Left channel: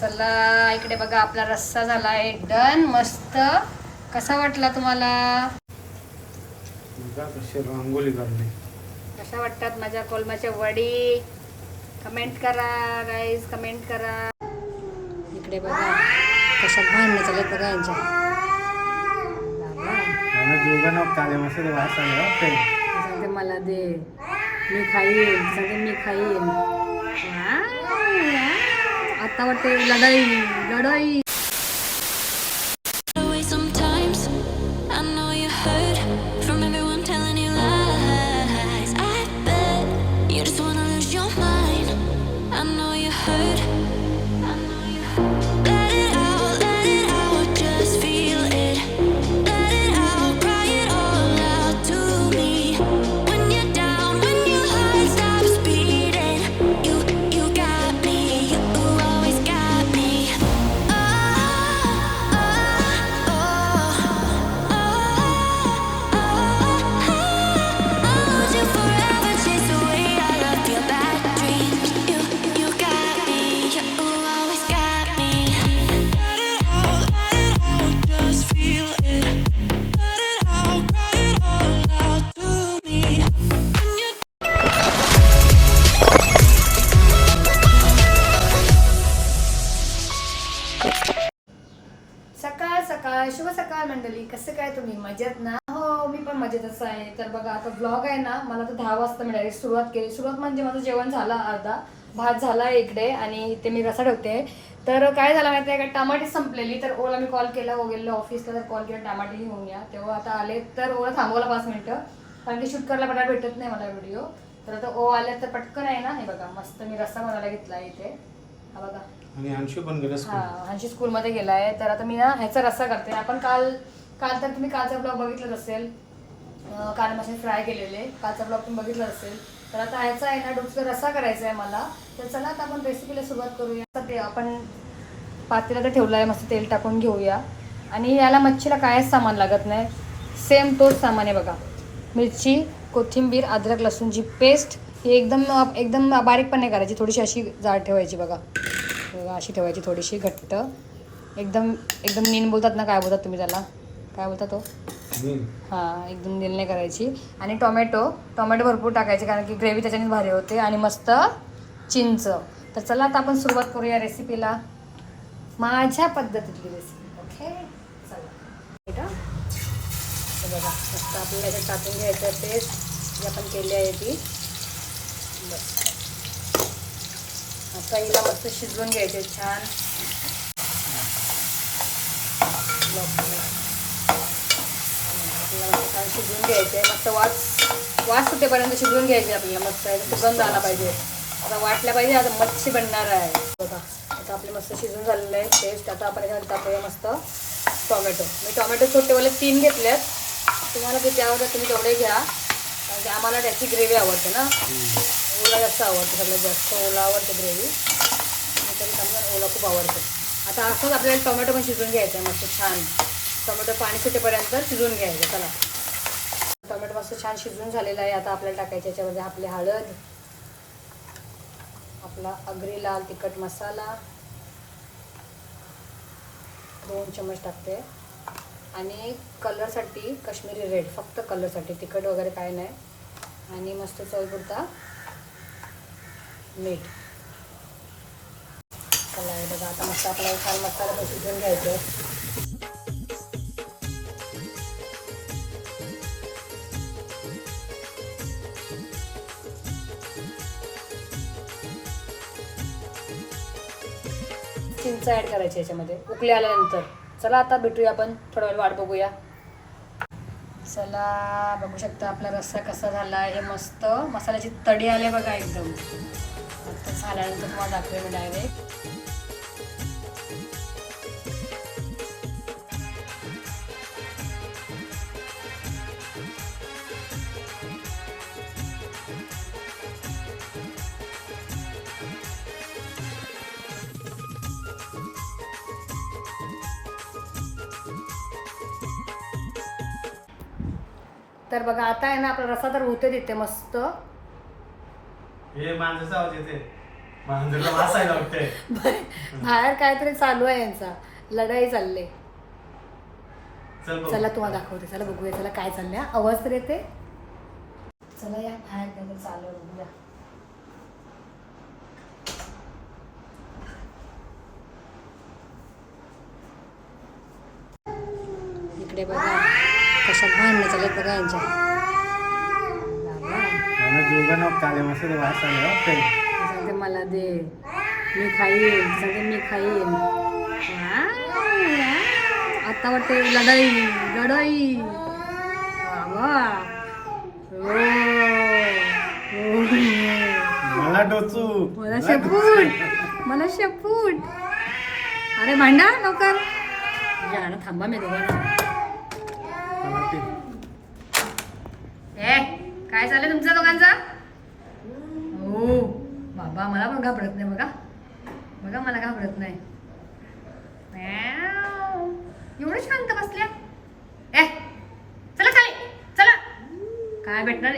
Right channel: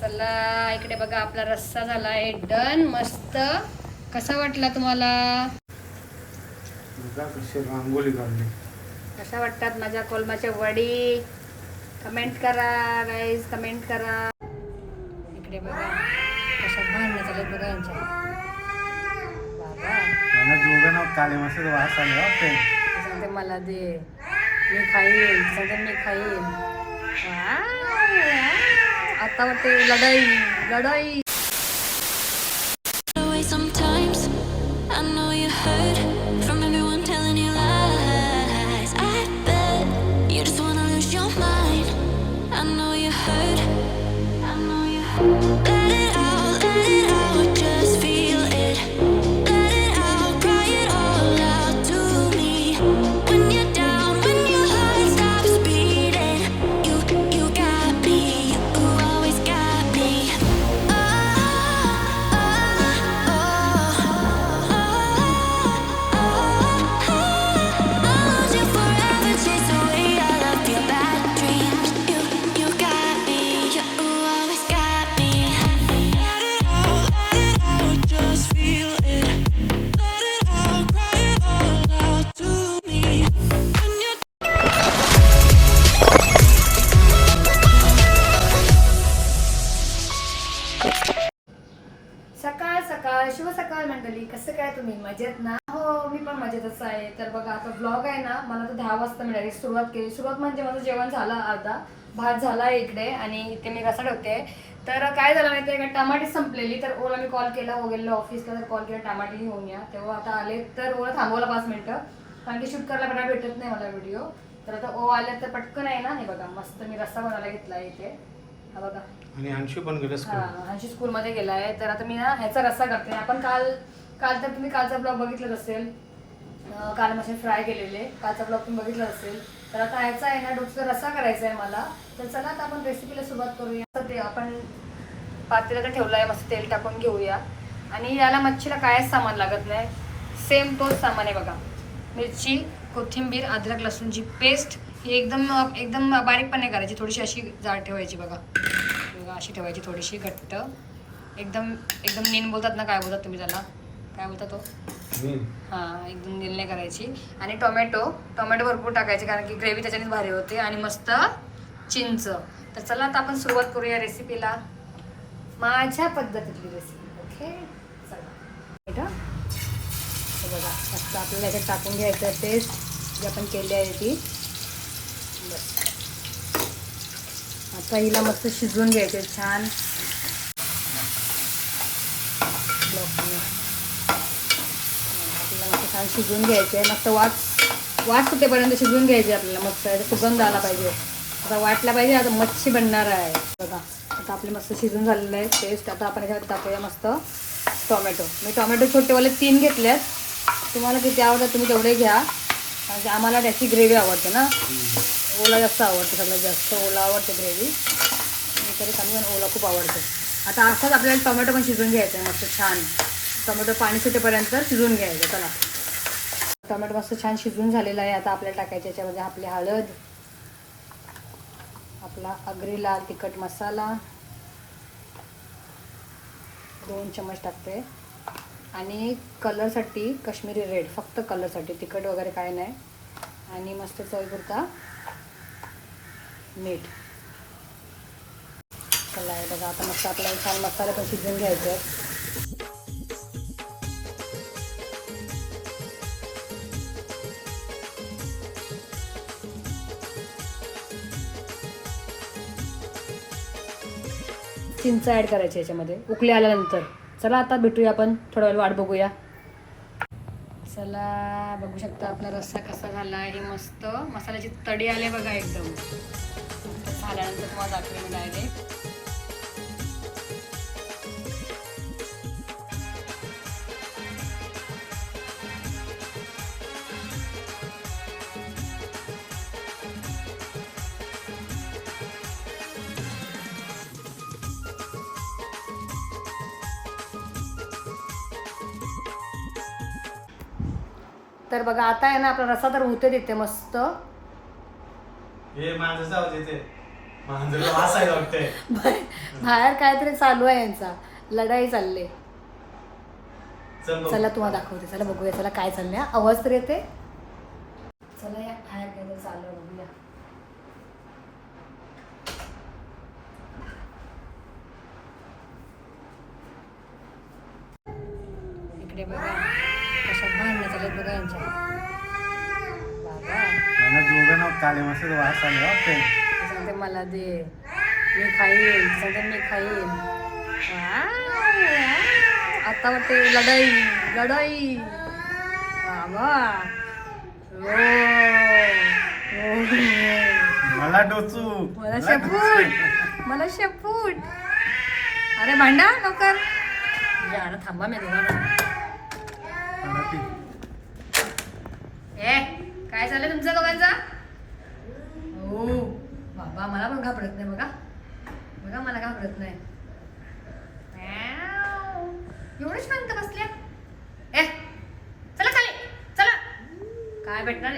चला इकडे बघा आपला रस्सा झाला आहे डन मस्त. कसा वाटला तुम्हाला? रांगोळी काढली. कशा वाटतात माझ्या कोलमाच्या वडी? कमेंट करा गाईज कमेंट करा. इकडे बघा. कशा भांडणं चालत बघा यांच्या. मला. सांगते दे मी खाईन. सांगते मी खाईन. आता वाटते लढाई लढाई. शुभ सकाळ मंडळी कसं काय तुम्ही? मजेत ना? हो मी पण मजेतच आहे. तर बघा आता ब्लॉग आहे ना मला तर दहा वाजता मिळाली सुरुवात केली. सुरुवात म्हणजे माझं जेवण झालं अर्धा भात झाला इकडे आणि ते मी रसा ठेवते. तर काय झालं माहिती आहे का? टमाटे संपलेली तर ओला मी कॉल केला ओ गेलो ऑफिसला तर कॉल केला टमाटे घेऊन या. तेव्हा आता आले तर ओला थांबवला पाच मिनटं. कारण की शूट करायला मला भेटत नाही मला व्हिडिओ तर आता ओ आले तर पटकन आहे ना? हे बघा मस्त मी रस्सा बनायला घेतला आहे इथे. हा बघा. आणि अंशू पण गेलं हा हंशी स्कूलमध्ये गेलाय. तर आता मी ना ह्याचा रस्सा करते आपण काल काल तर तुम्ही कालचा ब्लॉग बघितलाच असेल. अं, काल मशीन फ्राय केलेले. कालचा ब्लॉग तुम्ही बघितलाच असेल. तर आता ह्याचा आहे ना डोक्याचा रस्सा करायचा आहे मला. तर चला आता आपण रेसिपीला सुरुवात करूया. आता ते आपण तर ठेवलं आहे मस्त तेल टाकून घेऊया. आणि याला मच्छीला कायच सामान लागत नाही. सेम तोच सामान आहे बघा. मिरची कोथिंबीर अद्रक लसूणची पेस्ट ही एकदम एकदम बारीक पण नाही करायची. थोडीशी अशी जाड ठेवायची बघा. अशी ठेवायची थोडीशी घट्ट. एकदम एकदम नीन बोलतात ना काय बोलतात तुम्ही त्याला? काय बोलता तो. हां एकदम नील नाही करायची. आणि टोमॅटो टोमॅटो भरपूर टाकायचे कारण की ग्रेव्ही त्याच्यानेच भारी होते आणि मस्त चिंच. तर चला आता आपण सुरुवात करूया रेसिपीला. माझ्या पद्धतीतली रेसिपी ओके? चला? हे बघा मस्त आपल्याला याच्यात टाकून घ्यायचं पेस्ट जी आपण केली आहे ती बस आता हिला मस्त शिजवून घ्यायचे छान. छान शिजवून घ्यायचे मस्त वास वास सुटेपर्यंत शिजवून घ्यायचे आपल्याला मस्त याचा सुगंध आला पाहिजे. आता वाटला पाहिजे आता मच्छी बनणार आहे. बघा आता आपली मस्त शिजून झालेलं आहे पेस्ट आता आपण ह्याच्यात टाकूया मस्त टोमॅटो. मी टोमॅटो छोटेवाले तीन घेतले तुम्हाला किती आवडतात तुम्ही तेवढे घ्या. म्हणजे आम्हाला त्याची ग्रेव्ही आवडते ना. ओला जास्त आवडते सगळ्यात जास्त ओला आवडते ग्रेव्ही तरी काही ओला खूप आवडतं. आता असंच आपल्याला टोमॅटो पण शिजवून घ्यायचं आहे मस्त छान. टोमॅटो पाणी सुटेपर्यंत शिजवून घ्यायचं चला. टोमॅटो मस्त छान शिजून झालेला आहे आता आपल्याला टाकायचं याच्यामध्ये आपली हळद आपला अगरी लाल तिखट मसाला. दोन चम्मच टाकते. आणि कलरसाठी कश्मीरी रेड फक्त कलरसाठी तिखट वगैरे काय नाही. आणि मस्त चवीपुरता मीठ चला हे बघा आता मस्त आपल्याला छान मसाला पण शिजवून चिंच ॲड करायची याच्यामध्ये उकले आल्यानंतर. चला आता भेटूया आपण थोडा वेळ वाट बघूया. चला बघू शकता आपला रस्सा कसा झाला हे मस्त मसाल्याची तडी आले बघा एकदम. आल्यानंतर तुम्हाला दाखवे मी डायरेक्ट तर बघा आता आहे ना आपला रस्सा तर होते तिथे मस्त. हे माणसाचा आवाज येते मांजरीला बाहेर काहीतरी चालू आहे यांचा. लढाई चालले. चल बघू. चला तुम्हाला दाखवते. चला बघूया. चला काय चाललंय? हा. आवाज तर येते चला या बाहेर काहीतरी चालू आहे बघूया. इकडे बघा. कशा भांडणं चालत बघा यांच्या. बाबा मला दोघांना काळे मसाले वास आला सांगते मला दे. मी खाईन. ती सांगते मी खाईन. आता वाटते लढाई लढाई. ओ, ओ. मला डोचू मला. शेपूट मला शेपूट अरे भांडा लवकर ना थांबा मी दोघांना. मला ते ए काय चाललंय तुमचं दोघांचा हो बाबा मला पण घाबरत नाही बघा. बघा मला घाबरत नाही. एवढं शांत बसल्या? ए चला खाली. चला. काय भेटणार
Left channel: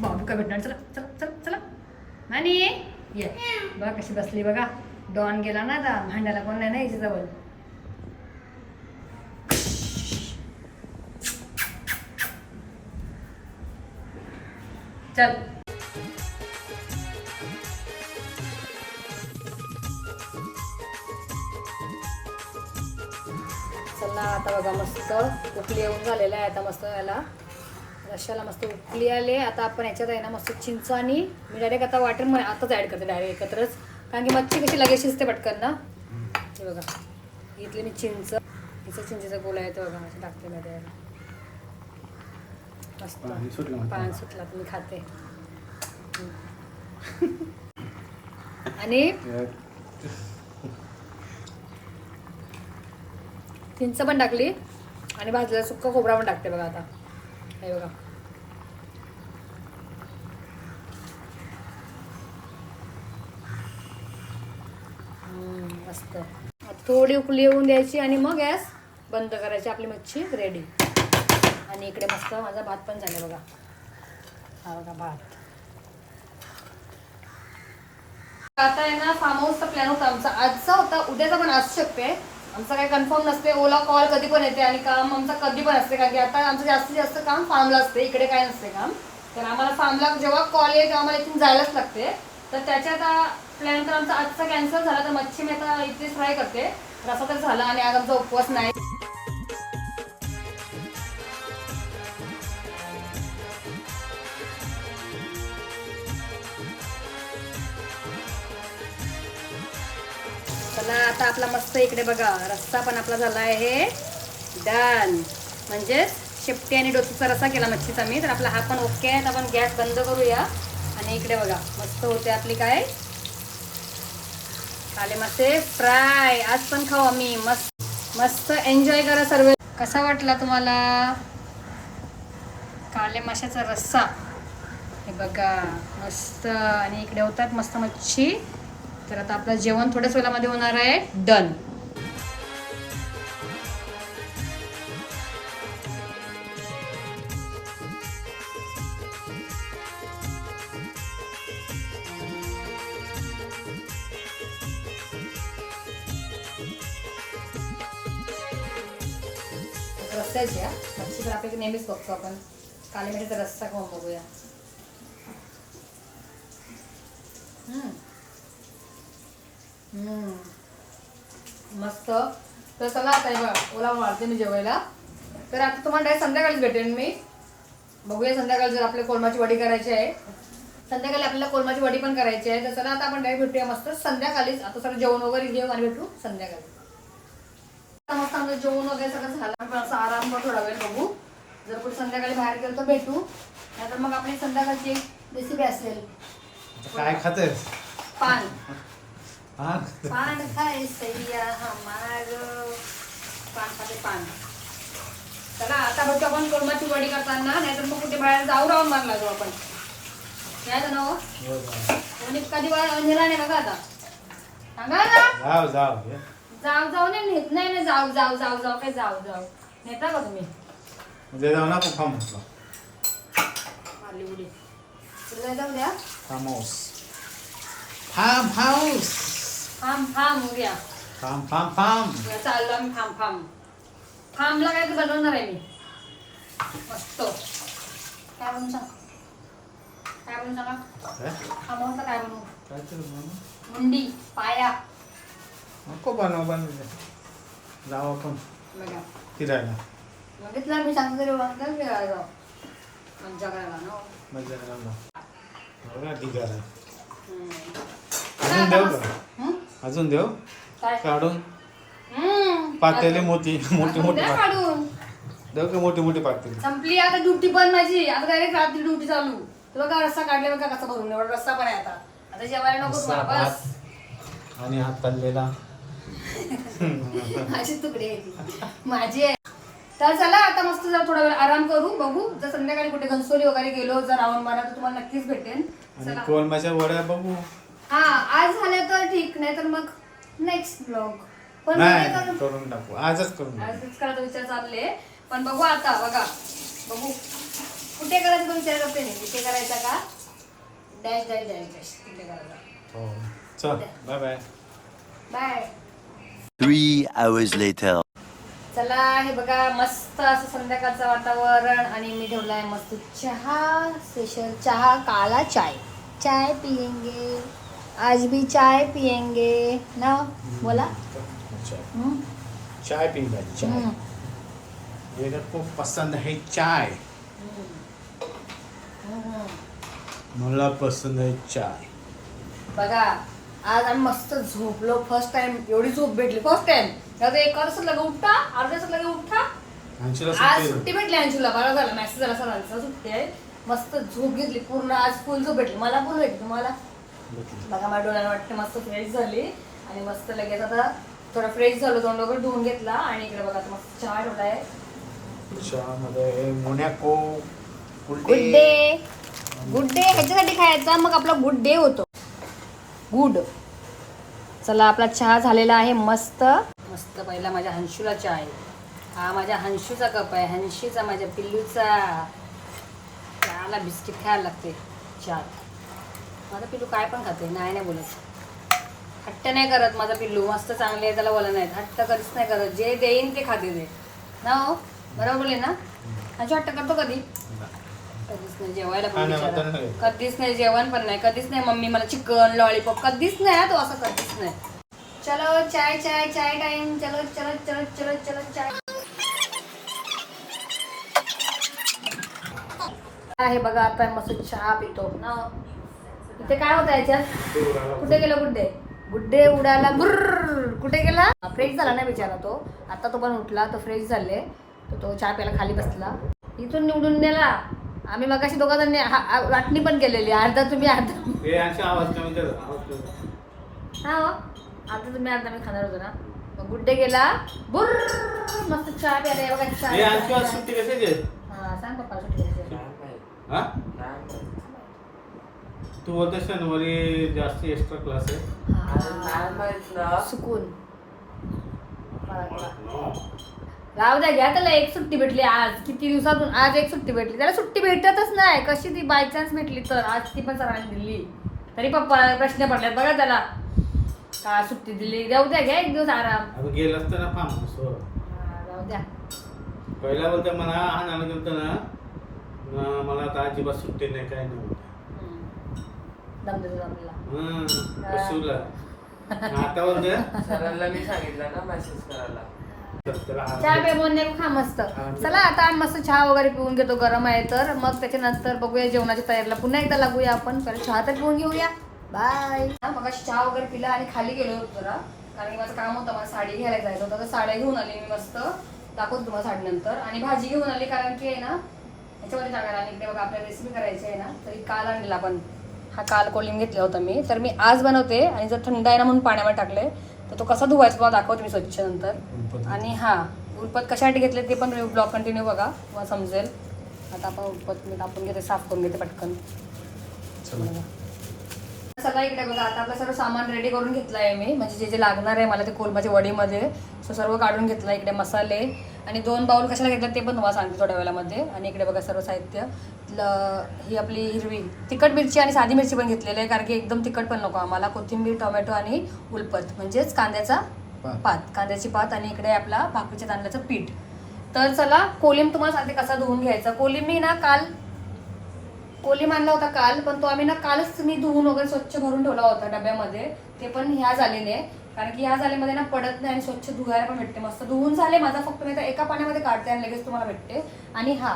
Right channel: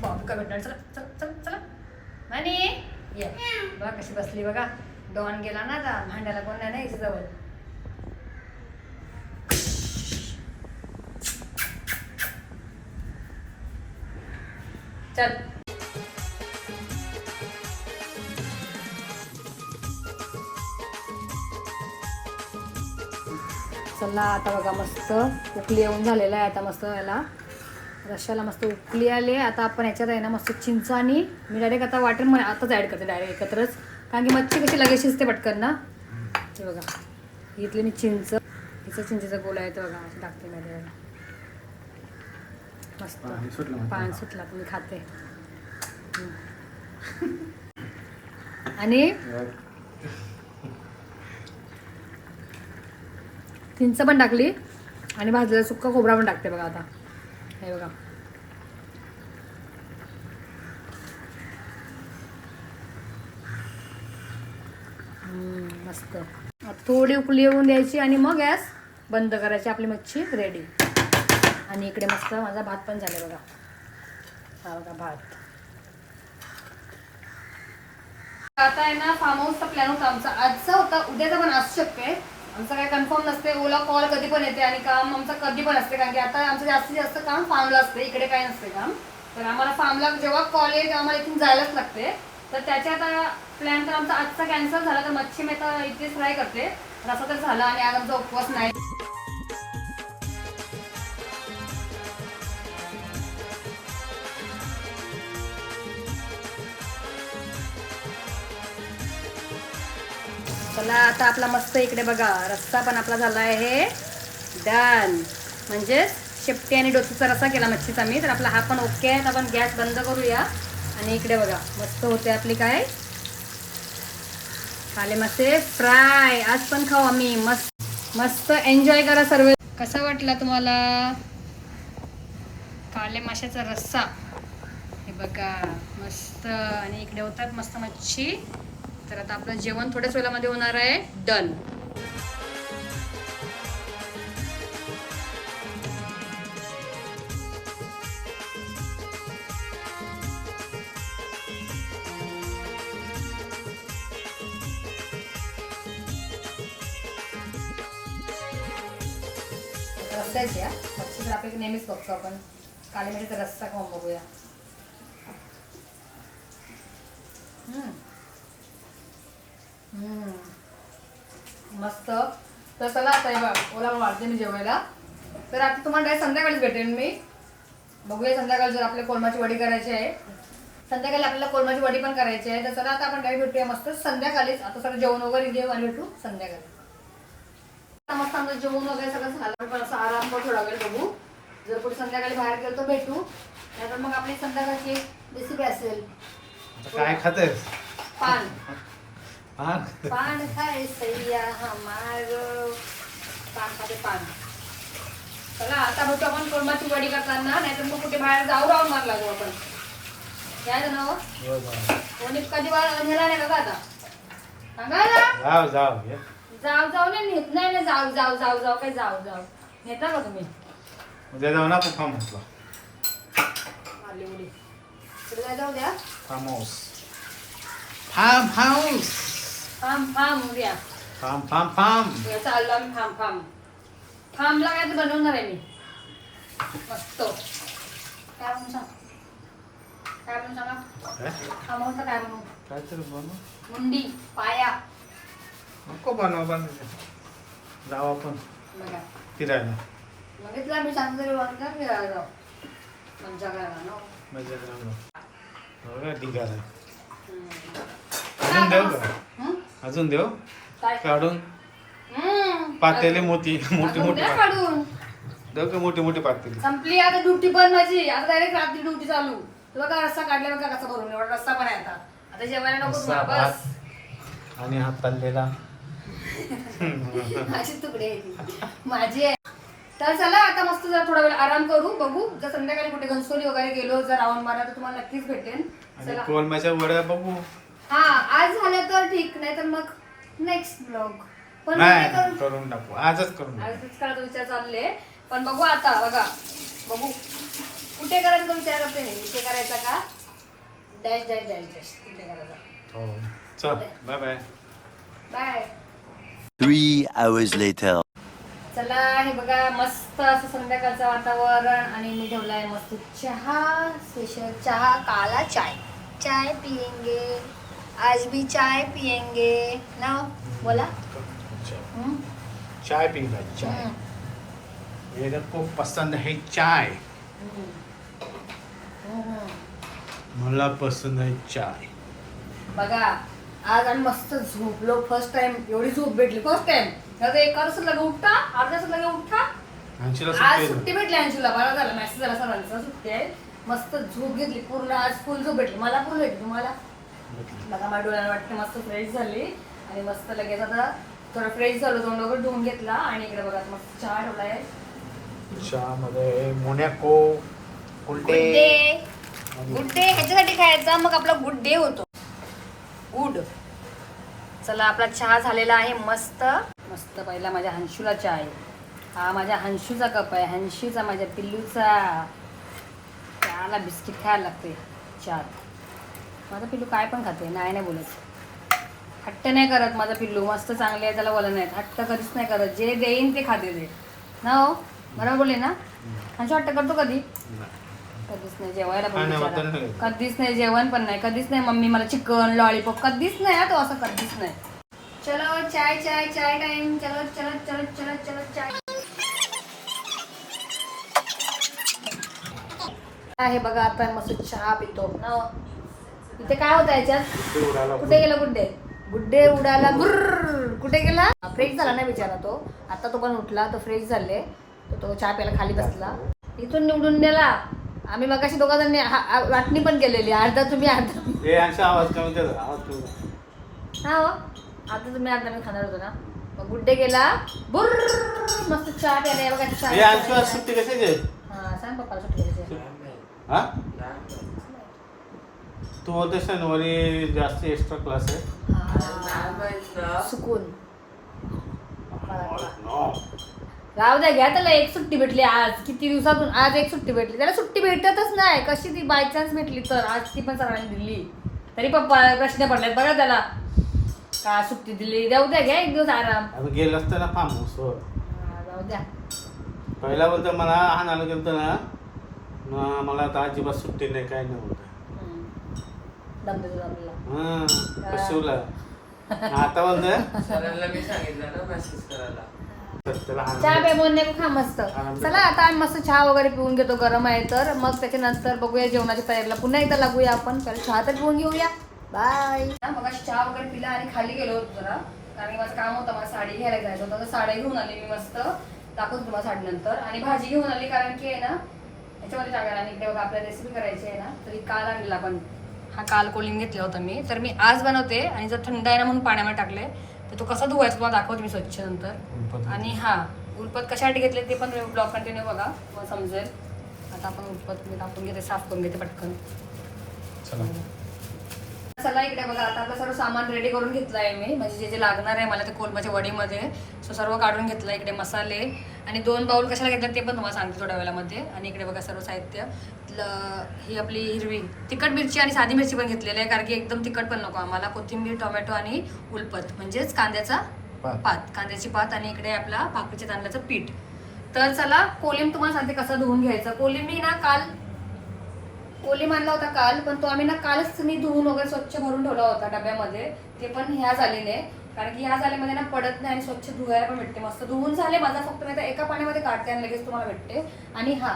बाबू काय भेटणार? चला चला चला चला. नानी ये. बघा कशी बसली बघा. डॉन गेला ना आता. भांड्याला कोण नाही ना याच्या जवळ चल. मस्त उकली येऊन झालेलं आहे आता मस्त याला. रश्याला मस्त उकली आली. आता आपण याच्यात आहे ना मस्त चिंच आणि मी डायरेक्ट आता वाटण म- आताच ॲड करते डायरेक्ट एकत्रच. कारण की मच्छी कशी लगेच शिजते पटकन ना. हे बघा. इथली मी चिंच. हिचं चिंचेचा गोळा आहे तो बघा मस्त टाकते मी त्याला मस्त. पाणी सुटला तुम्ही खाते. आणि चिंच पण टाकली. आणि भाजलेला सुक्का खोबरा पण टाकते बघा आता. हे बघा. मस्त. थोडी उकळी येऊन द्यायची आणि मग गॅस बंद करायची आपली मच्छी रेडी आणि इकडे मस्त माझा भात पण झाला बघा. हा बघा भात. आता आहे ना फार्म हाऊसचा प्लॅन होता आमचा. आजचा होता. उद्याचा पण असू शकते. आमचं काय कन्फर्म नसते ओला कॉल कधी पण येते आणि काम आमचं कधी पण असते कारण की आता आमचं जास्तीत जास्त काम फार्मला असते इकडे काय नसते काम. तर आम्हाला फार्मला जेव्हा कॉल येईल तेव्हा आम्हाला इथून जायलाच लागते तर त्याच्यात प्लॅन तर आमचा आजचा कॅन्सल झाला. तर मच्छी मी आता इथे फ्राय करते रसा तर झाला आणि आज आमचा उपवास नाही. झाला आता आपला मस्त इकडे बघा. रस्सा पण आपला झाला आहे. डन म्हणजेच शेपटी आणि डोसीचा रस्सा केला मच्छीचा मी तर आपला हा पण ओके आहे. आपण गॅस बंद करूया. आणि इकडे बघा मस्त होते आपली काय? काले मस्ते. फ्राय आज पण खाऊ आम्ही. मस्त मस्त एन्जॉय करा सर्व. कसा वाटला तुम्हाला? काले माशाचा रस्सा. हे बघा मस्त. आणि इकडे होतात मस्त मच्छी. तर आता आपलं जेवण थोड्याच वेळामध्ये होणार आहे. डन रस्त्याची या मच्छी तर आपल्याला नेहमीच बघतो आपण. काली मिठाचा रस्सा खाऊन बघूया. हम्म. मस्त. तर चला आता बघा ओला वाढते मी जेवायला. तर आता तुम्हाला direct संध्याकाळीच भेटेन मी. बघूया संध्याकाळी जर आपल्या कोलमाची वडी करायची आहे. संध्याकाळी आपल्याला कोलमाची वडी पण करायची आहे. तर चला आता आपण डायरेक्ट भेटूया मस्त. संध्याकाळीच. आता सगळं जेवण वगैरे घेऊ आणि भेटू संध्याकाळी. आता मस्त आमचं जेवण वगैरे सगळं झालं. पण असं आराम थोडा वेळ बघू. जर कुठे संध्याकाळी बाहेर गेलो तर भेटू. नाहीतर मग आपली संध्याकाळची रेसिपी असेल. काय खातेस? पान. पान? खाय सैया हमार पान खाते पान। चला आता भेटू आपण कोलमाची वडी करताना नाहीतर मग कुठे बाहेर जाऊ राहून मार लागू आपण. काय जण हो, जाऊ. कोणी कधी नेला नाही बघा आता. सांगा ना जाऊ जाऊ ये. जाऊ जाऊ नाही नेत नाही ना जाऊ जाऊ जाऊ जाऊ काय जाऊ जाऊ. नेता का तुम्ही उद्या जाऊ ना फार्म हाऊसला मारली उडी तिकडे काय जाऊ द्या. फार्म हाऊस फाम फाम फाम फाम उद्या. फाम फाम फाम. उद्या चाललो आम्ही फाम फाम. फामला काय ते बनवणार आहे मी. मस्त. काय बनवून सांग? काय बनवून सांगा? काय? फार्महाऊसला काय बनवू? काय तरी बनव. मुंडी पाया. नको बनव बनव जाऊ आपण. बघा. फिरायला. बघितलं मी सांगतो तरी वाटलं फिरायला जाऊ? मज्जा करायला ना? मजा करायला बघा ढिगार. आहे हम्म. अजून काय? काढून? हम्म. पातेले मोती मोठी मोठी पात- काढून. देऊ का मोठी मोठी पातेली? संपली आता ड्युटी पण माझी. आता डायरेक्ट रात्री ड्युटी चालू. तुला का रस्ता काढले बघा कसा भरून. एवढा रस्ता पण आहे आता. आता जेवायला नको रस्सा, तुम्हाला, बस. आणि हात तळलेला माझी तुकडे. माझी आहे तर चला आता मस्त जरा थोडा वेळ आराम करू बघू. जर संध्याकाळी कुठे घनसोली वगैरे गेलो जर राऊंड मारा तर तुम्हाला नक्कीच आणि चला. कोळम्याच्या वड्या बघू. हा आज झालं तर ठीक नाही तर मग नेक्स्ट ब्लॉग पण नाही करू? करून टाकू. आजच करून टाकू. आजच करायचा विचार चालले. पण बघू आता बघा. बघू. कुठे करायचं तो विचार करते नाही इथे करायचा का? Dash dash dash dash. तिथे करायचा. हो. चल bye bye bye. Three hours later. चला हे बघा मस्त असं संध्याकाळचं वातावरण. आणि मी ठेवलाय मस्त चहा स्पेशल चहा काला चाय. चाय पियेंगे. आज भी चाय पियेंगे ना? बोला? चाय पीगा चाय. मेरे को पसंद है चाय. मला पसंद आहे चाय। बघा आज आम्ही मस्त झोपलो फर्स्ट टाइम एवढी झोप भेटली. फर्स्ट टाइम आता एका तासात लगे उठा अर्ध्या तासात लगे उठा. ऐंशीला आज सुट्टी सुट्टी भेटली अंशूला बरं झालं. मॅसेज झाला सरांचा सुट्टी आहे. मस्त झोप घेतली. पूर्ण आज फुल झोप भेटली. मला पूर्ण भेटली तुम्हाला? बघा माझ्या डोळ्याला वाटते मस्त फ्रेश झाली. आणि मस्त लगेच आता थोडं फ्रेश झालं तोंड वगैरे धुवून घेतला. आणि इकडे बघा मस्त चहा ठेवलाय. चहा मध्ये Monaco Good Day Good Day ह्याच्यासाठी खायचा. मग आपला गुड डे होतो. गुड. चला आपला चहा झालेला आहे मस्त. मस्त पहिला माझ्या हंशूला चहा आहे. हा माझ्या हंशूचा कप आहे. हंशूचा माझ्या पिल्लूचा. चहाला बिस्किट खायला लागते चहा. माझा पिल्लू काय पण खाते नाही नाही बोलत. हट्ट नाही करत माझा पिल्लू मस्त चांगले आहे त्याला बोलत नाही हट्ट कधीच नाही करत जे देईन ते खाते ते. ना हो? बरोबर बोलले ना? हंशू हट्ट करतो कधी? कधीच नाही जेवायला पण हा. कधीच नाही जेवण पण नाही कधीच नाही मम्मी मला चिकन लॉलीपॉप कधीच नाही हा तो असं कधीच नाही. चलो चाय चाय चाय टाइम चलो चलो चलो चलो चलो चाय. आहे बघा आता मस्त चहा पितो. ना इथे काय होतं याच्यात? कुठे गेला गुड्डे? गुड्डे उडाला बुर्र कुठे गेला? फ्रेश झाला नाही बिचारा तो. आता तो पण उठला तो फ्रेश झाले. तर तो चहा प्यायला खाली बसला. इथून निवडून नेला. आम्ही मगाशी दोघा जण वाटणी पण केलेली. अर्धा तुम्ही अर्धा. हे. हा. आता तुम्ही अर्धा मी खाणार होतो ना. मग गुड्डे गेला. बुर्र मस्त चहा प्यायला. हे बघा चहा हे यांची आज सुट्टी कशी घे हा सांग पप्पा सुट्टी. हा? तू बोलतेस ना वरी जास्त एक्स्ट्रा क्लास आहे. हा. सुकून राहू द्या घ्या त्याला एक सुट्टी भेटली आज. किती दिवसातून आज एक सुट्टी भेटली. त्याला सुट्टी भेटतच नाही. कशी ती बाय चान्स भेटली तर? आज ती पण सरांनी दिली. तरी पप्पा प्रश्न पडले बघा त्याला. का सुट्टी दिली? जाऊ द्या घ्या एक दिवस आराम. गेलं असतं ना फार्म हाऊसवर हा, जाऊ द्या. पहिला बोलतो मला हाणायला गेलतो ना. म- मला आता अजिबात सुट्टी नाही काय नाही बोलतो हम्म. दम देतो आपल्याला हं, कशूला. आता बोलतोय सरांना मी सांगितलं ना मेसेज करायला. तर त्याला हाण चहा बोलणे खा मस्त. चला आता आम्ही मस्त चहा वगैरे पिऊन घेतो गरम आहे तर. मग त्याच्यानंतर बघूया जेवणाच्या तयारीला. पुन्हा एकदा लागूया आपण. पहिले चहा तर पिऊन घेऊया. बाय मग चहा वगैरे पिला आणि खाली गेलो होतो जरा. कारण की माझं काम होतं मला साडी घ्यायला जायचं होतं. तर साड्या घेऊन आली मी मस्त. दाखवतो तुम्हाला साडी नंतर आणि भाजी घेऊन आली कारण की आहे ना याच्यामध्ये टाकायला आणि इकडे बघा आपल्याला रेसिपी करायची आहे ना तरी काल आणलेला पण. हा काल कोलिंग घेतला होता मी. तर मी आज बनवते आणि जर थंड आहे ना म्हणून पाण्यावर टाकले तर तो कसा धुवायचा तुम्हाला दाखवते मी स्वच्छ नंतर. आणि हा उलपत कशासाठी घेतले ते पण ब्लॉग कंटिन्यू बघा मग समजेल. आता आपण उलपत मी टाकून घेते साफ करून घेते पटकन. चला इकडे बघा आता आपलं सर्व सामान रेडी करून घेतलं आहे मी. म्हणजे जे जे लागणार आहे मला ते कोलबाच्या वडीमध्ये. सो सर्व काढून घेतलं इकडे मसाले. आणि दोन बाउल कशाला घेतलं ते पण तुम्हाला सांगते थोड्या वेळामध्ये. आणि इकडे बघा सर्व साहित्य. ही आपली हिरवी तिखट मिरची आणि साधी मिरची पण घेतलेली आहे कारण की एकदम तिखट पण नको आम्हाला. कोथिंबीर टोमॅटो आणि उलपत म्हणजेच कांद्याचा पात. पात कांद्याची पात आणि इकडे आपला भाकरीच्या तांदळाचं पीठ. तर चला कोलिम तुम्हाला सांगते कसा धुवून घ्यायचा. कोलिम मी ना काल कोलिम आणला होता काल पण तो आम्ही ना कालच मी धुवून वगैरे स्वच्छ भरून ठेवला होता डब्यामध्ये. ते पण ह्या झालेले. कारण की ह्या झाल्यामध्ये ना पडत नाही आणि स्वच्छ धुवायला पण भेटते. मस्त धुवून झाले माझा फक्त मी आता एका पाण्यामध्ये काढते आणि लगेच तुम्हाला भेटते. आणि हा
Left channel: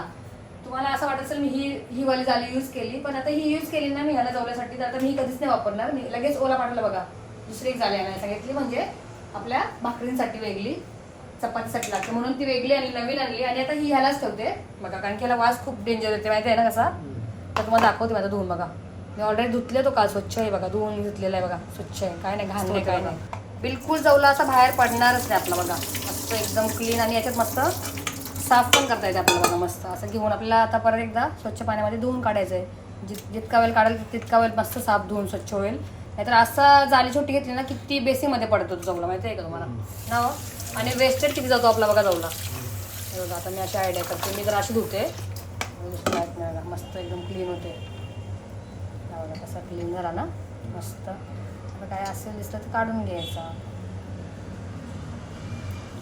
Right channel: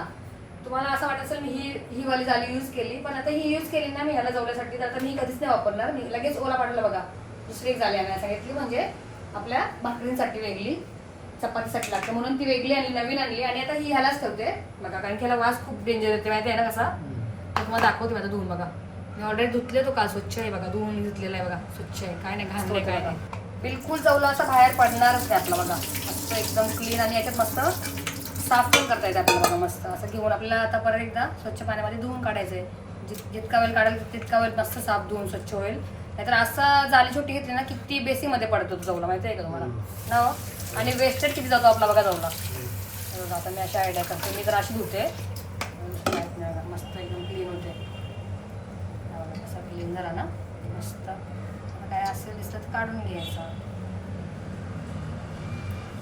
तुम्हाला असं वाटत असेल मी ही ही वाली झाली यूज केली पण आता ही यूज केली ना मी ह्याला जवळसाठी तर आता मी कधीच नाही वापरणार. मी लगेच ओला पाठवलं बघा. दुसरी एक झाली आणायला सांगितली म्हणजे आपल्या भाकरींसाठी वेगळी. चपातीसाठी लागते. म्हणून ती वेगळी आणि नवीन आणली. आणि आता ही ह्यालाच ठेवते. बघा कारण की ह्याला वास खूप डेंजर येते माहिती आहे ना कसा? तर तुम्हाला दाखवते माझा धुवून बघा. मी ऑलरेडी धुतले तो काल स्वच्छ आहे बघा. धुवून धुतलेला आहे बघा. स्वच्छ आहे. काय नाही घाण नाही काय नाही. बिलकुल जवळ असा बाहेर पडणारच नाही आपला बघा. मस्त एकदम क्लीन आणि याच्यात मस्त साफ पण करता येते आपल्याला बघा मस्त. असं घेऊन आपल्याला आता परत एकदा स्वच्छ पाण्यामध्ये धुवून काढायचं आहे जित जितका वेळ काढेल तितका वेळ मस्त साफ धुवून स्वच्छ होईल. नाहीतर असं जाली छोटी घेतली ना किती बेसीमध्ये पडतो तो जवळ. माहिती आहे का तुम्हाला? ना हो? आणि वेस्टेज किती जातो आपला बघा जवळला बघा, आता मी अशी आयडिया करते. मी जर अशी धुते मस्त एकदम क्लीन होते हे बघा, कसा क्लीन झाला ना? मस्त. काय असेल दिसलं तर काढून घ्यायचं.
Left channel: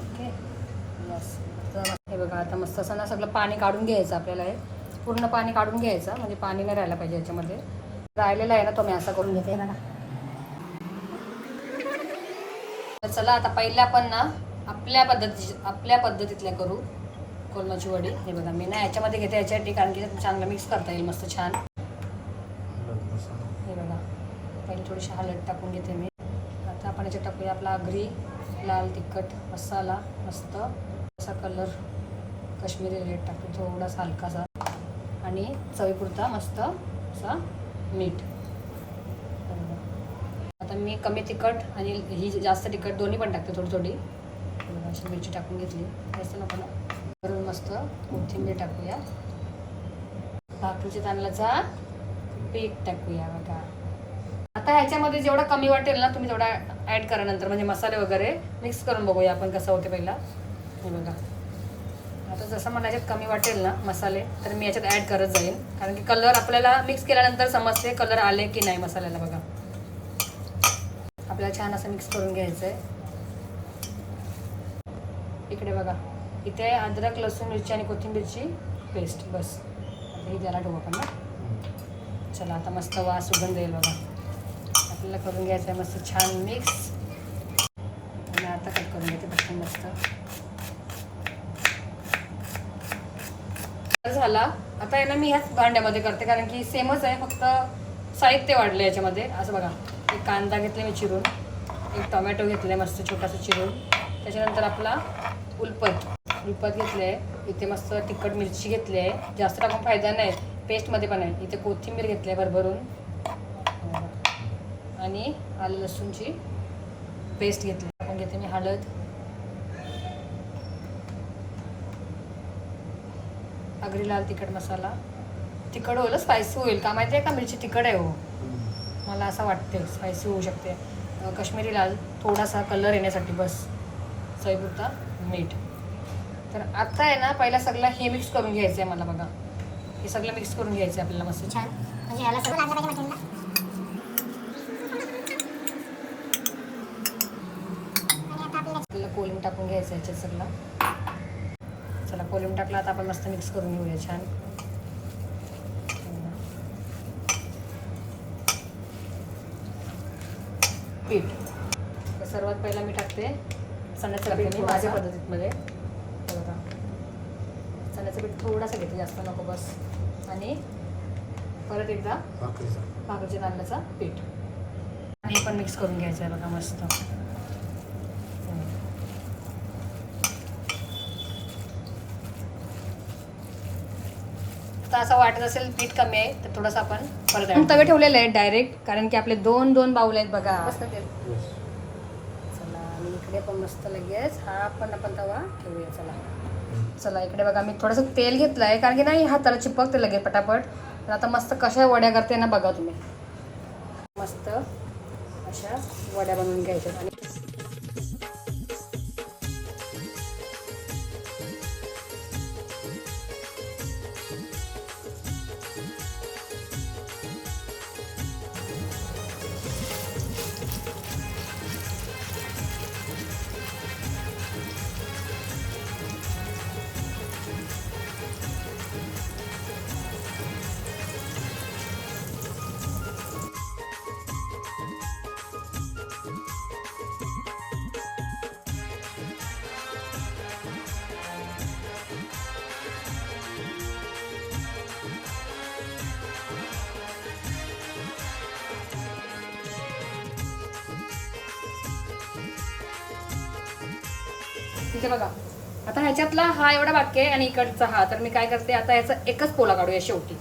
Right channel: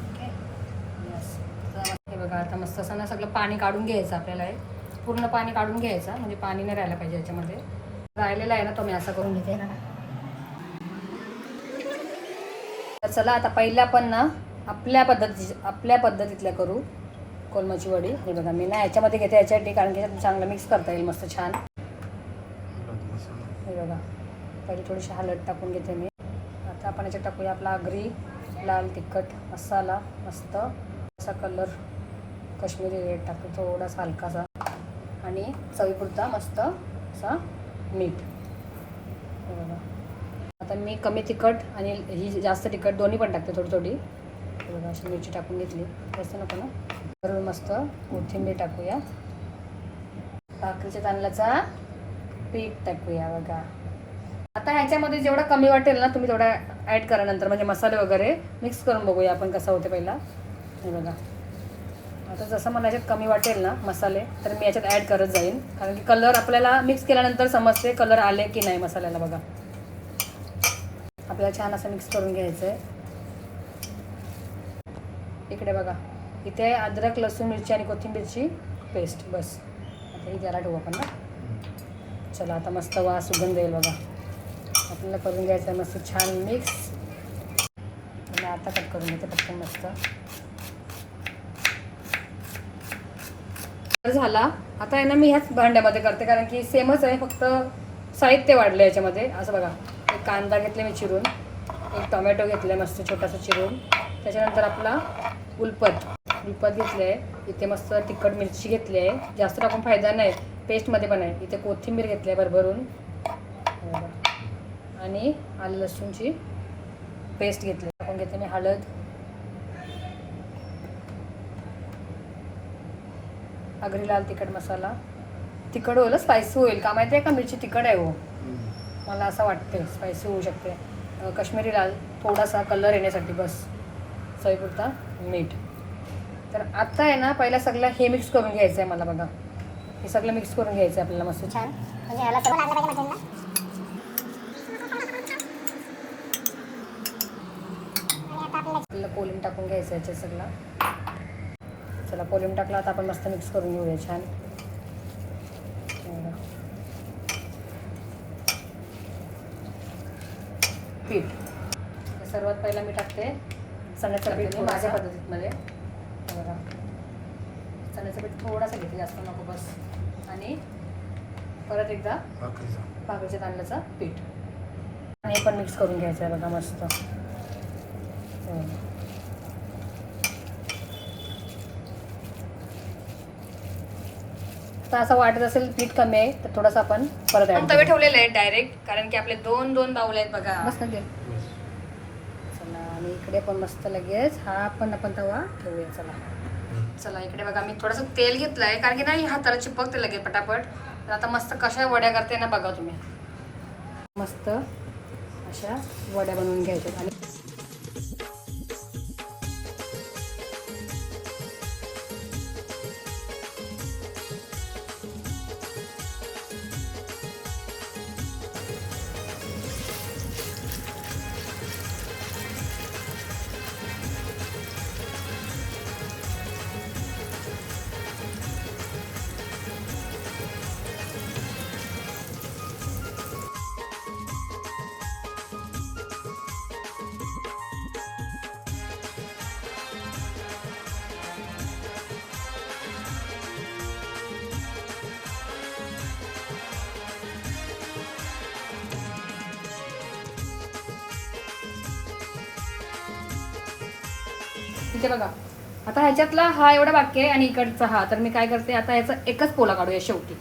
ओके. बस हे बघा आता मस्त असं ना सगळं पाणी काढून घ्यायचं आपल्याला हे. पूर्ण पाणी काढून घ्यायचं म्हणजे पाणी नाही राहायला पाहिजे याच्यामध्ये. राहिलेलं आहे ना तो मी असं करून घेते. तर चला आता पहिल्या पण ना आपल्या पद्धती आपल्या पद्धतीतल्या करू. कोलमाची वडी. हे बघा मी ना याच्यामध्ये घेते याच्यासाठी कारण की चांगलं मिक्स करता येईल मस्त छान. बघा. पहिले थोडीशी हळद टाकून घेते मी. आता आपण याच्यात टाकूया आपला आगरी लाल तिखट मसाला मस्त. असा कलर काश्मीरी रेड टाकू थोडासा हलकासा. आणि चवीपुरता मस्त असा मीठ. आता मी कमी तिखट आणि ही जास्त तिखट दोन्ही पण टाकते थोडी थोडी. अशी मिरची टाकून घेतली. जास्त नको ना. बरोबर मस्त कोथिंबीर टाकूया. भाकरीच्या तांदळाचा पीठ टाकूया बघा. आता ह्याच्यामध्ये जेवढा कमी वाटेल ना तुम्ही तेवढा ॲड करा नंतर. म्हणजे मसाले वगैरे मिक्स करून बघूया आपण कसं होते पहिला. हे बघा. आता जसं मला याच्यात कमी वाटेल ना मसाले तर मी याच्यात ॲड करत जाईन. कारण की कलर आपल्याला मिक्स केल्यानंतर समजते कलर आले की नाही मसाल्याला बघा. आपल्याला छान असं मिक्स करून घ्यायचं आहे इकडे बघा. इथे अद्रक लसूण मिरची आणि कोथिंबीरची पेस्ट बस. आता ही जरा ठेवू आपण ना. चला आता मस्त वास सुगंध येईल बघा. आपल्याला करून घ्यायचं आहे मस्त छान मिक्स आणि आता कट करून घेते फक्त मस्त. झाला. आता आहे ना मी ह्याच भांड्यामध्ये करते कारण की सेमच आहे फक्त साहित्य वाढलं याच्यामध्ये. असं बघा. एक कांदा घेतला मी चिरून. एक टोमॅटो घेतले मस्त छोटासा चिरून. त्याच्यानंतर आपला उलपत उलपत घेतले आहे इथे मस्त तिखट मिरची घेतली आहे. जास्त टाकून फायदा नाही. पेस्टमध्ये पण आहे. इथे कोथिंबीर घेतली आहे भरभरून. आणि आलं लसूणची पेस्ट घेतली आपण घेते मी हळद. आगरी लाल तिखट मसाला. तिखट होईल स्पायसी होईल. का माहिती आहे का? मिरची तिखट आहे हो. मला असं वाटते स्पायसी होऊ शकते. अं, काश्मीरी लाल थोडासा कलर येण्यासाठी बस. चवीपुरता मीठ. तर आता आहे ना पहिला सगळं हे मिक्स करून घ्यायचं आहे मला बघा. हे सगळं मिक्स करून घ्यायचं आहे आपल्याला मस्त छान. म्हणजे ह्याला सगळं लागलं पाहिजे आता आपल्याला कोलिम टाकून घ्यायचं याच्यात सगळं. चला कोलिम टाकला आता आपण मस्त मिक्स करून घेऊया छान. पीठ. सर्वात पहिला मी टाकते. चण्याचं पीठ. मी माझ्या पद्धतीमध्ये चण्याचं पीठ थोडासा घेते जास्त नको बस. आणि परत एकदा भाकरीच्या तांदळाचा पीठ. आणि पण मिक्स करून घ्यायचं आहे बघा मस्त. हो. तर असं वाटत असेल पीठ कमी आहे तर थोडंसं आपण परत तवे ठेवलेले आहेत डायरेक्ट कारण की आपले दोन दोन बाऊल आहेत बघा. मस्त चला आणि इकडे पण मस्त लगेच हा पण आपण तवा ठेवूया चला. चला इकडे बघा मी थोडंसं तेल घेतलं आहे कारण की नाही हाताला चिपकते लगेच पटापट. तर आता मस्त कशा वड्या करते ना बघा तुम्ही. मस्त अशा वड्या बनवून घ्यायच्या. आणि ठीक आहे बघा. आता ह्याच्यातला हा एवढा बाकी आहे आणि इकडचा हा. तर मी काय करते आता याचा एकच पोला काढूया शेवटी.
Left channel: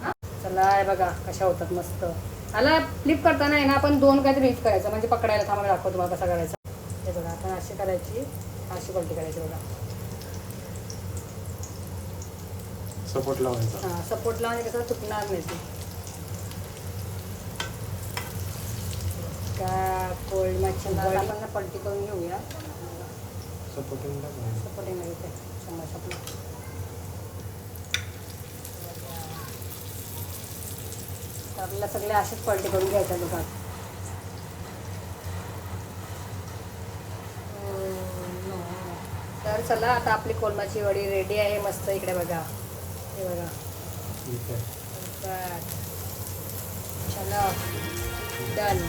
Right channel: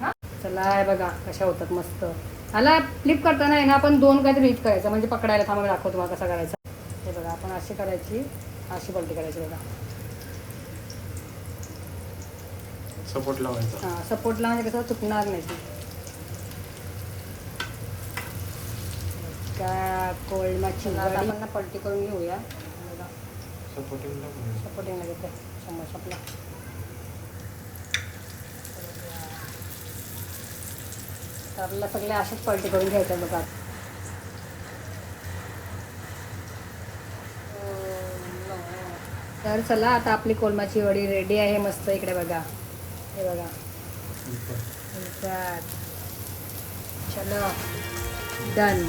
हा? चला हे बघा कशा होतात मस्त. ह्याला फ्लिप करताना आहे ना आपण दोन काहीतरी यूज करायचं. म्हणजे पकडायला थांबा दाखवतो तुम्हाला कसं करायचं. हे बघा आपण अशी करायची अशी पलटी करायची बघा. सपोर्ट लावायचा. हां सपोर्टला म्हणजे कसं चुकणार नाही ती. का कोळमाची आपण पलटी करून घेऊया. सपोर्टिंग सपोर्टिंग आपला तर आपल्याला सगळे असेच पलटी करून घ्यायचं बघा तर चला आता आपली कोलमाची वडी रेडी आहे. मस्त इकडे बघा. हे बघा. चला. डन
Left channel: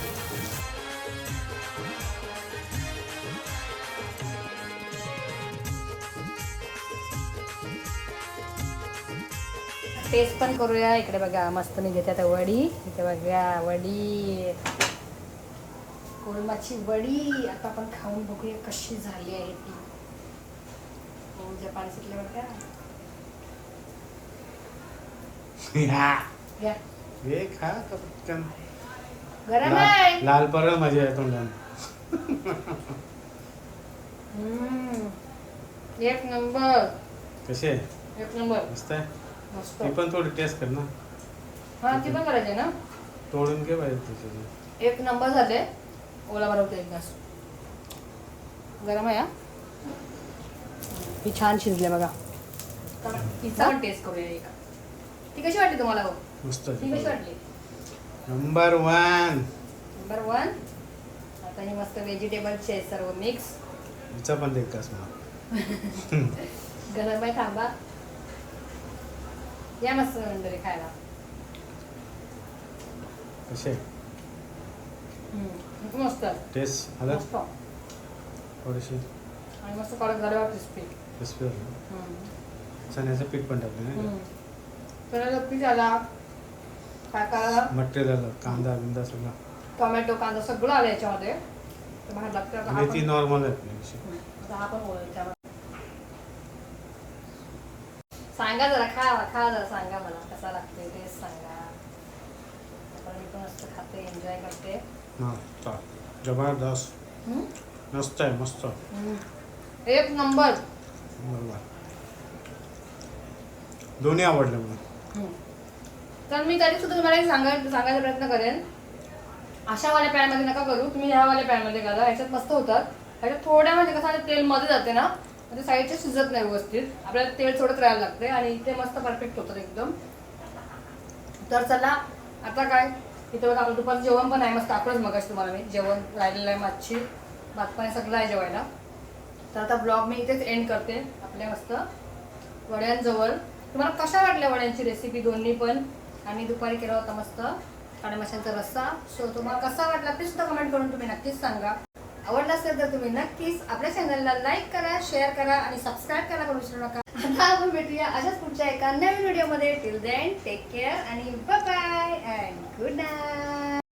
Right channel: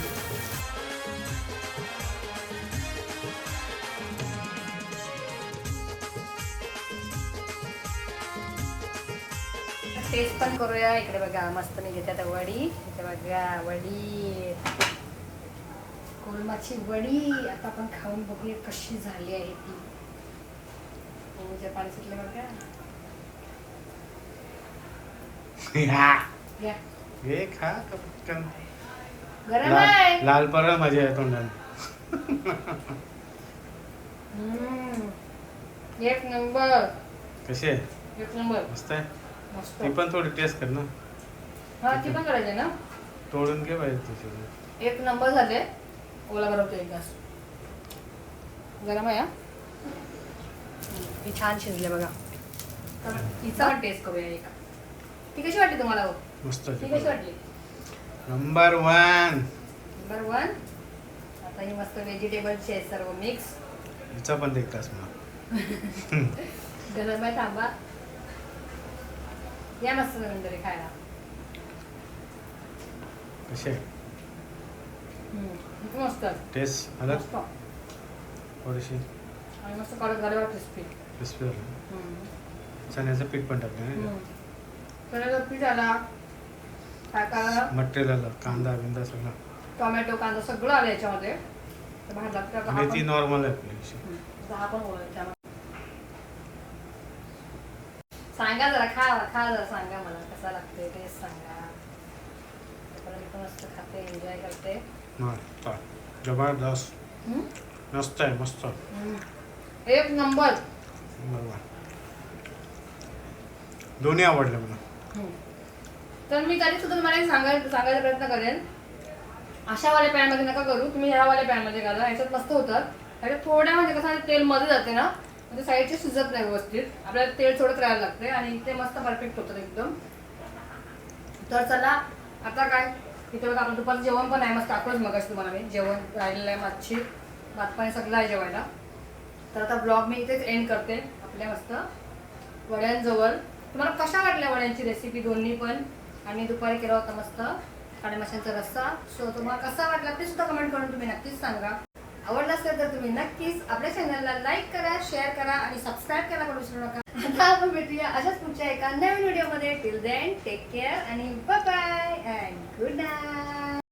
टेस्ट पण करूया. इकडे बघा मस्त निघते आता वडी. इथे बघा वडी. कोलमाची वडी. आता आपण खाऊन बघूया कशी झाली आहे ती. हो पाणी सुटलं. हे. पटकन. गरम आहे. लाल परळ माझ्या तोंडाने. एक नंबर. कसे एक नंबर. मस्त आहे. मस्त. ती पण थोडी टेस्ट कर ना. हा ती पण करायची ना? तोडून घे पाहिजे त्याच्यात एक नंबर झाले. ओला बनवतो एक घास. गरम आहे हा? ती छान शिजले बघा. तर तिचा पण टेस्ट करूया एक. ती कशी वाटली तुम्हाला हो? मस्त ती कशी वाटली? नंबर वन नंबर वन आता हे मस्त व्हेजिटेबलचे आहेत सर्व मिक्स हिचा पण कस मग. गरम आहे थांबा. या मस्त नंतर खायला. कसे हम्म. खूप मस्त. टेस्ट आलं मस्त. थोडीशी. आणि मस्त कडक झाल्यावर क्रिस्पी चण्याचं पीठ पण टाकलं ना त्याला पीठ आला काय काय मटेरियल आलं कांदा बिंदा सगळं. टोमॅटो कांदा सगळं आलं याच्यामध्ये. तर बाहेर लागतं आता आणि ती पण- नॉर्मल आहे आपली. आता ओळख सांगा जरा खा खा जरा सांगा मला कसा लागतोय टेस्ट सांगा त्यापर्यंत मी पण मस्त खाते एन्जॉय करते हा. जबरदस्त? मस्त आहे मस्त. एक नंबर बरोबर दोन्ही आवडले मला. तर मी तरी सुद्धा तुम्हाला एक सांगायला सांगायचा प्रयत्न करेन अशावाल्या पॅनमध्ये नका करू तुम्ही ह्यावाल्या पॅनमध्ये करा ह्याच्यात मस्त होतात ह्याच्यात थोड्या म्हणजे कसं तेल मध्ये जाते ना म्हणजे साईडचे शिजत नाही व्यवस्थित. आपल्याला तेल सोडत राहायला लागते आणि इथे मस्त परफेक्ट होतं एकदम. तर चला आता काय? इथे बघा आपलं दुपारचं जेवण पण आहे. मस्त दाखवलंच मगाशी तुम्हाला मी. जेवण राहिलेलं आहे मच्छी भात पाणी सगळं आहे जेवायला. तर आता ब्लॉग मी इथेच एंड करते. आपल्या मस्त वड्यांजवळ. तुम्हाला कशा वाटल्या वड्यांची रेसिपी दोन्ही पण? आणि दुपारी केला होता मस्त. काळे माशांचा रस्सा. सो तुम्हाला कसा वाटला? ते सुद्धा कमेंट करून तुम्ही नक्कीच सांगा. आवडला असेल तर तुम्ही नक्कीच आपल्या चॅनलला लाईक करा शेअर करा आणि सबस्क्राईब करायला करू विसरू नका. आता आपण भेटूया अशाच पुढच्या एका नवीन व्हिडिओमध्ये टिल देन टेक केअर आणि बाय अँड गुड नाईट